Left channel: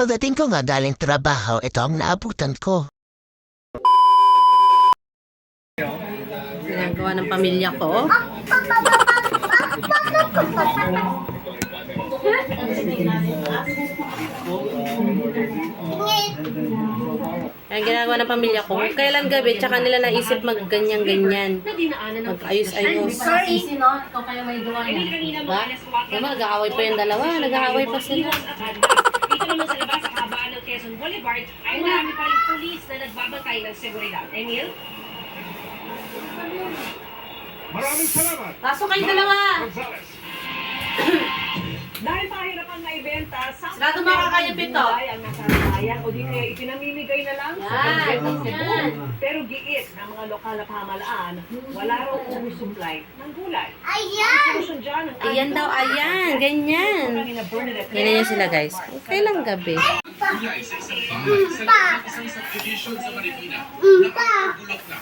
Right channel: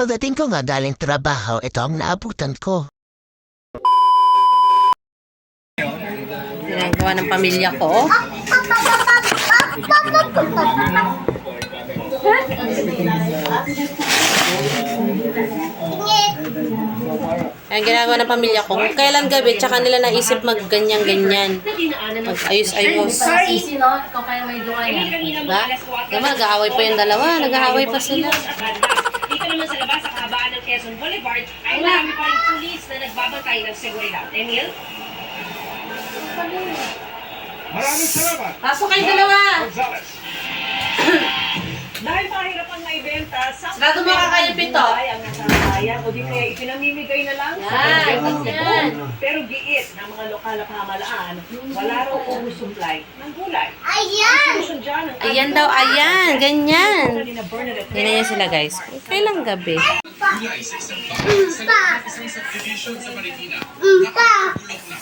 Pagdating ko nga galing trabaho, ito ang naabutan ko. Ginagawa ng pamilya ko. Ang ginagawa ng pamilya ko, kailan gabi, tsaka nila naisip mag-ganyan-ganyan. Mag-ayos-ayos. Sorry. no? Ikaw kaya may gawa niya. Diba? Diba, nag-aaway pa yung dalawa. Nag-aaway pa sila. Quezon Boulevard, ay marami pa rin pulis na nagbabantay ng seguridad. Emil? Maraming salamat, Pasok kayo dalawa! Gonzales. Dahil mahirap ang naibenta, sa Sarado mo ka kayo, Pito. ang nasasayang o di kaya ipinamimigay na lang sa Yan. Pero giit ng mga lokal na pamahalaan, wala raw oversupply ng gulay. Ayan! Ayan daw, ayan. Ganyan. Ganyan yan sila, guys. Kung kailang gabi. Sa isang bahay sa isang subdivision sa Marikina. Nakakabulok na.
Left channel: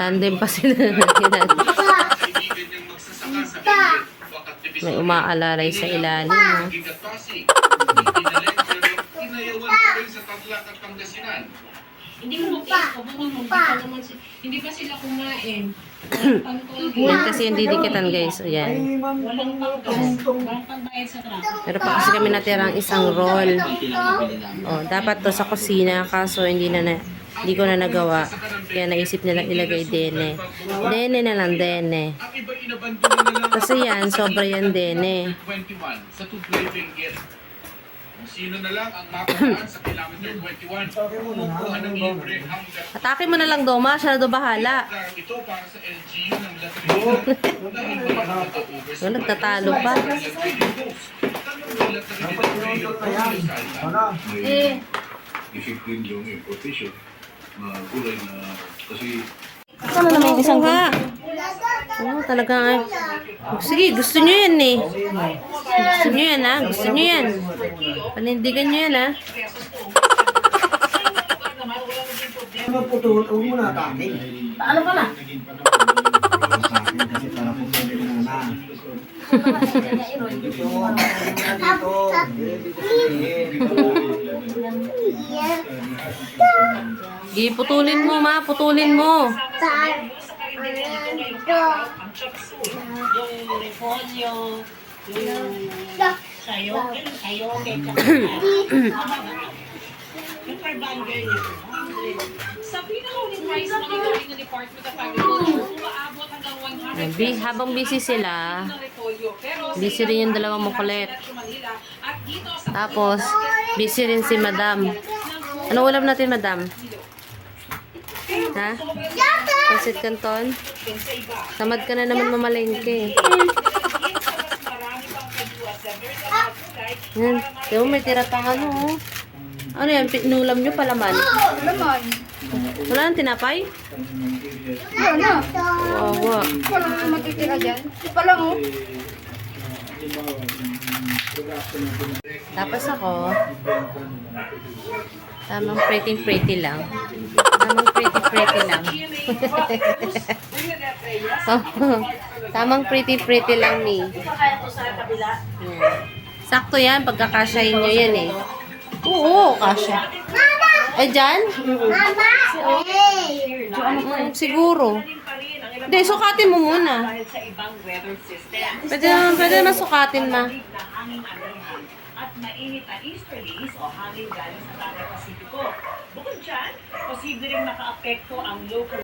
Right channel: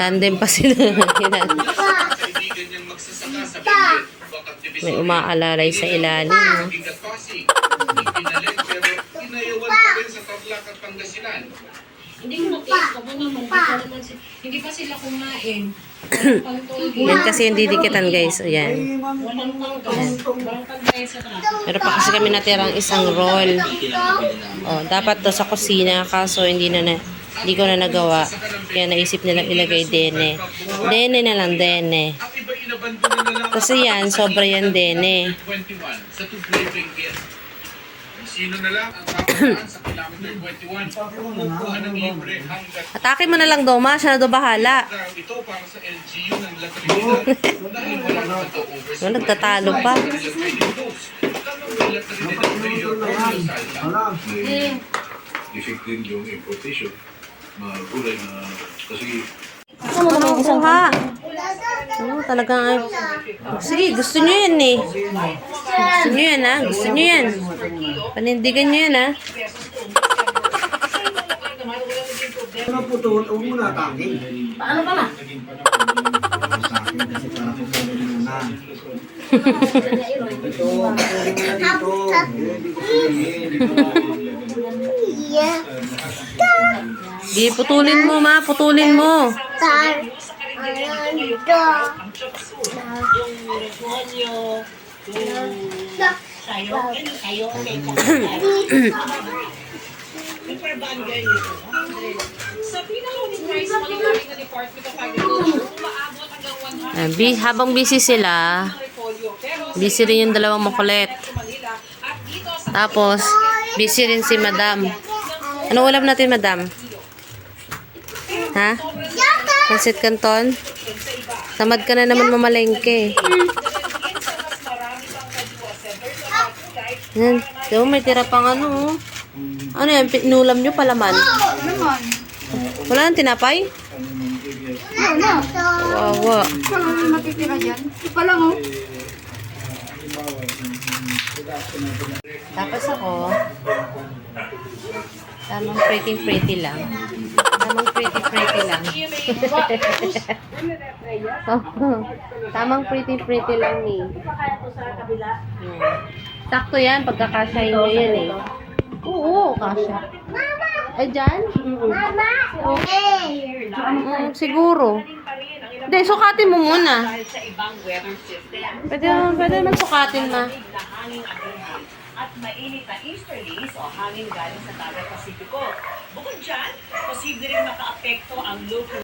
Tandem pa sila. kaibigan niyang magsasaka sa Benguet. May umaalalay sa ilalim. pero inayawan pa rin sa Tarlac at Pangasinan. Hindi mo. Ano, hindi pa naman Hindi pa sila kumain. Yan kasi yung didikitan, guys. Ayan. Meron pa kasi kami natirang isang roll. Oh, dapat to sa kusina kaso hindi na, na hindi ko na nagawa. Kaya naisip nilang ilagay dene. Dene na lang, dene. Kasi yan, sobra yan dene. Sino na lang ang kapalaan sa kilometer 21, kumukuha ng libre hanggat Atake mo na lang, Doma. Siya na do bahala. Ito para sa LGU ng La Trinidad dahil wala nakaka-over Oh, nagtatalo pa. effective yung importation mga gulay na kasi Ano may kuha? Ano, talagang ay... Sige, gusto nyo yan eh. Gusto nyo yan ha? Gusto nyo yan. Panindigan nyo yan ha? Ano po to? Huwag mo na atake. Paano pa na? Kasi para sabi na na. Ito, Di, putulin mo ma, putulin mo. Ang Chapsur, yung repolyo, yung sayo, yung sayo, yung per bagay nito. Sa pinakauling price ng galing ng Department of Agriculture, umaabot hanggang 100 Ayan, bi- habang busy sila, busy rin yung dalawang makulit. Tapos, busy rin si madam. Ano ulam natin, madam? Ha? Pansit canton? Tamad ka na naman mamalengke. Yan. Diba may tira pang ano, oh. Ano yan? Pinulam nyo palaman? Wala nang tinapay? Wawa. Tapos ako, tamang pretty-pretty lang. Tamang pretty-pretty lang. tamang pretty-pretty lang ni. Yan. Sakto yan, pagkakasyahin nyo yan eh. Oo, kasya. Ay, dyan? Mm, siguro. Hindi, sukatin mo muna. dahil sa ibang weather system. Pwede naman, pwede naman sukatin ma. Hangin agreement at mainit na easterlies o hangin galing sa Dagat Pasipiko. Bukod dyan, posible rin makaapekto ang local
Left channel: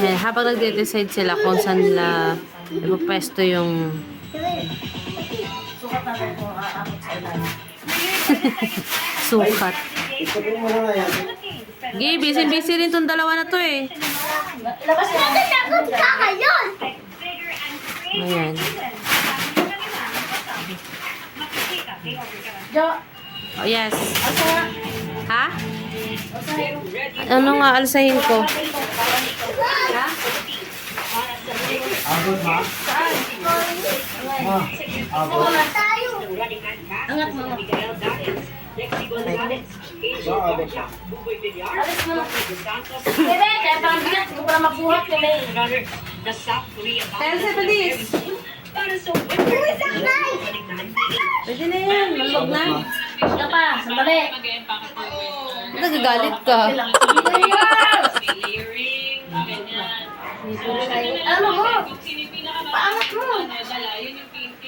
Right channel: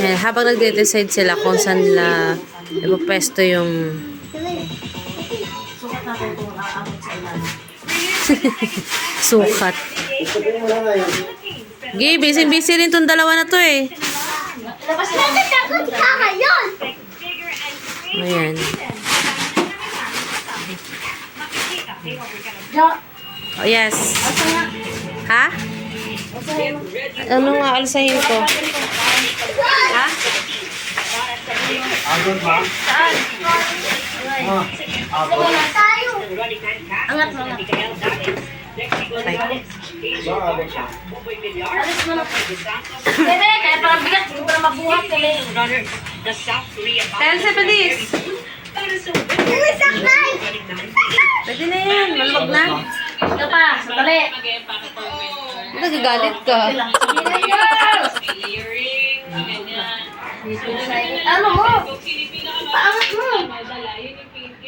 Eh, habang nagde-decide sila kung saan nila ipapesto yung sukat. Gay, busy-busy rin tong dalawa na to eh. Ayan. Oh, yes. Ha? Ano nga alsahin ko? Ha? Abot ba? Saan? Ah, abot. Angat mo. Siya. Alis mo na. Bebe, kaya parang magbuhat kami. Tell sa para winter. Pwede na yan. Maluwag na. Ito pa, sandali. Nagagalit ka. Ano mo? Paangat mo.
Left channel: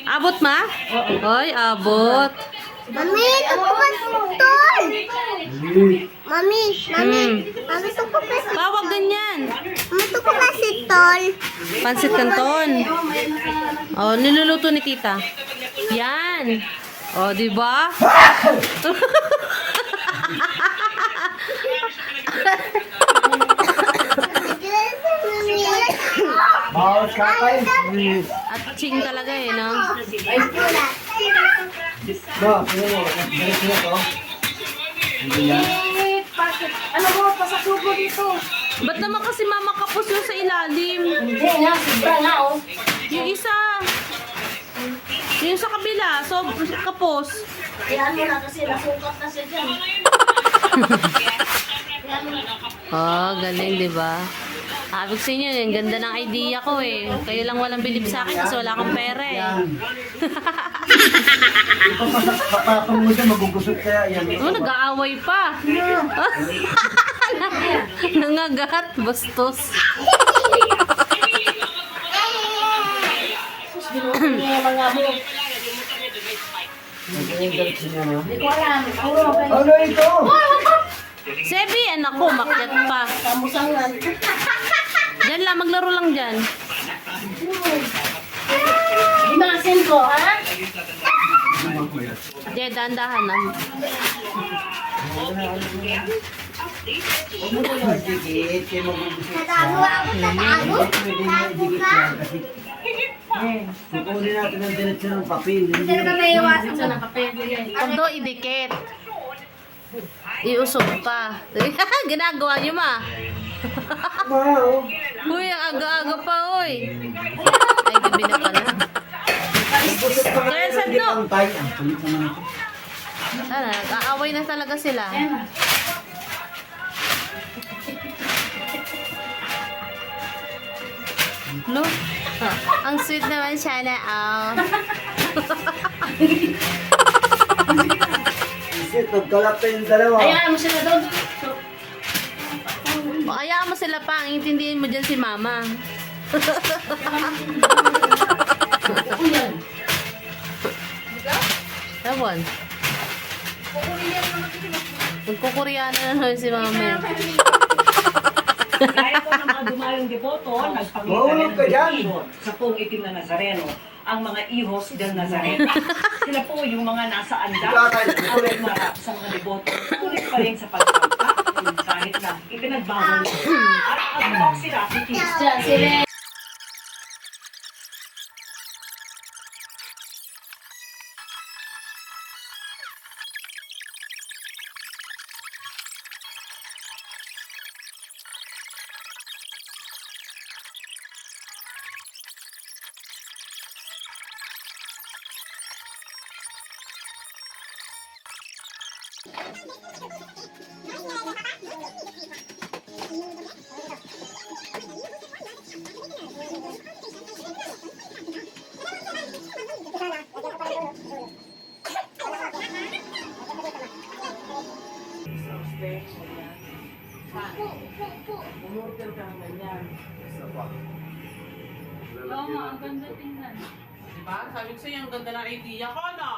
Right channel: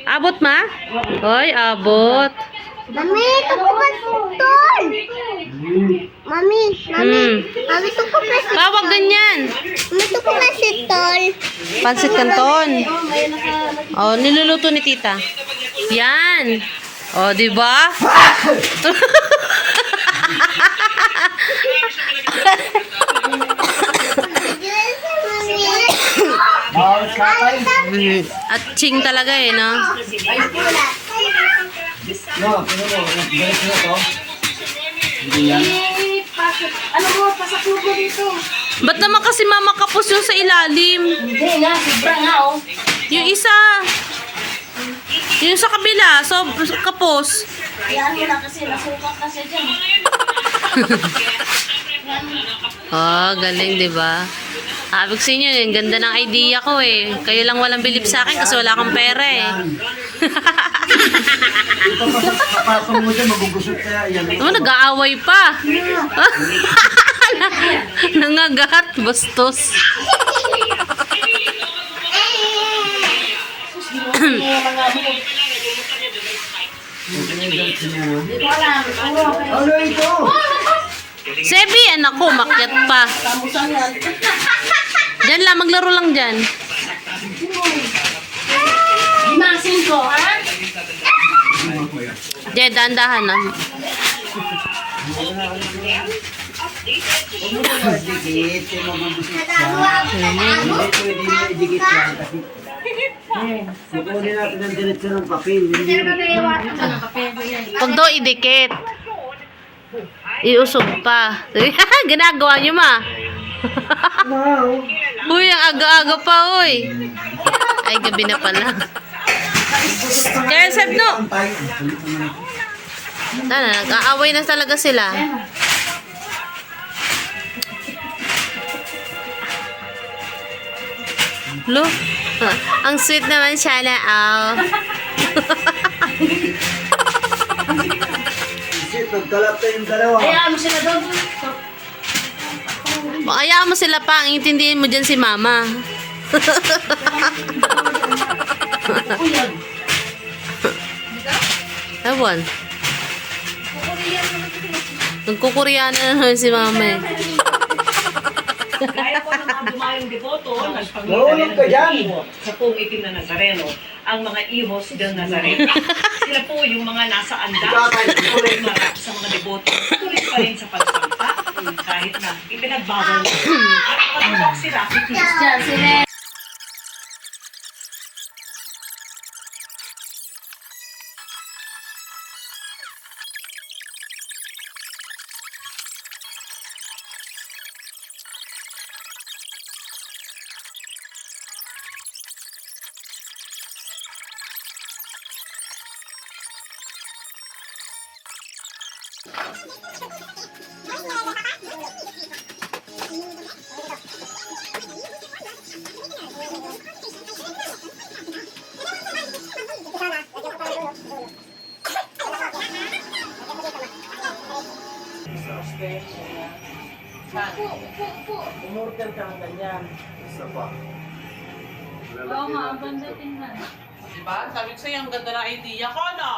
Abot ma? Hoy, abot. Mami, ito po ba tol? Mami, Hmm. mami, ito po ba si Pawag ganyan. Mami, ito po ba si tol? Pansit canton. Oh, niluluto ni tita. Yan. Oh, di ba? At ching talaga eh, no? No, ano mo, balik na to. Hindi yan. Ano mo, pasasubo dito? Ba't naman kasi mama kapos yung sa ilalim? Hindi nga, sobra nga oh. Yung isa. Yung sa kabila, so kapos. Yan mo na kasi, nasukat na siya dyan. Oh, galing, di ba? Abig sa inyo, yung ganda ng idea ko eh. Kayo lang walang bilib sa akin kasi wala kang pera eh. Ito pa sa kapatong mo dyan, magugusot kaya yan. Naman, nag-aaway pa. Nangagat, bastos. Ano? Sebi, anak ko, makyat pa. Diyan lang, maglaro lang dyan. Limasin ko, ha? Diyan, dahan-dahan ah. mo na mo kasi Kukunin natin ang diretso ng papel. Hindi Huwag daw idikit. Iusog pa. Ginagawa niyo ma. Wow. Uy, ang aga-aga pa, uy. Ay, gabi na pala. Kaya, Seb, no. Sana, nag-aaway na talaga sila. Lo, ang sweet naman siya na, oh. Kasi pagkalap kayong dalawa. Hayaan mo sila doon. Kaya mo sila pa, ang intindihin mo dyan si mama. Ewan. Nagkukuryana na naman si mama eh. Gaya po ng mga dumayong deboto, Mahulog ka dyan. sa pong itim na Nazareno, ang mga ihos del Nazareno. Sila po yung mga nasa anda, tuloy marap sa mga deboto, tuloy pa rin sa na ipinagbawal at patutok sila si. Diyan, sila. Umorder ka ng ganyan. Isa pa. Diba? Sabi ko sa'yo, ang ganda ng idea ko, no?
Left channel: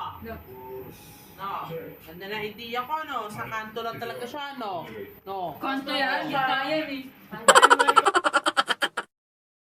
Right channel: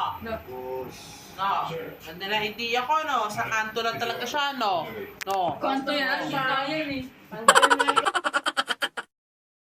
No. Ganda ng idea ko, no? Sa kanto lang talaga siya, no? No. Kanto yan, kita yan eh.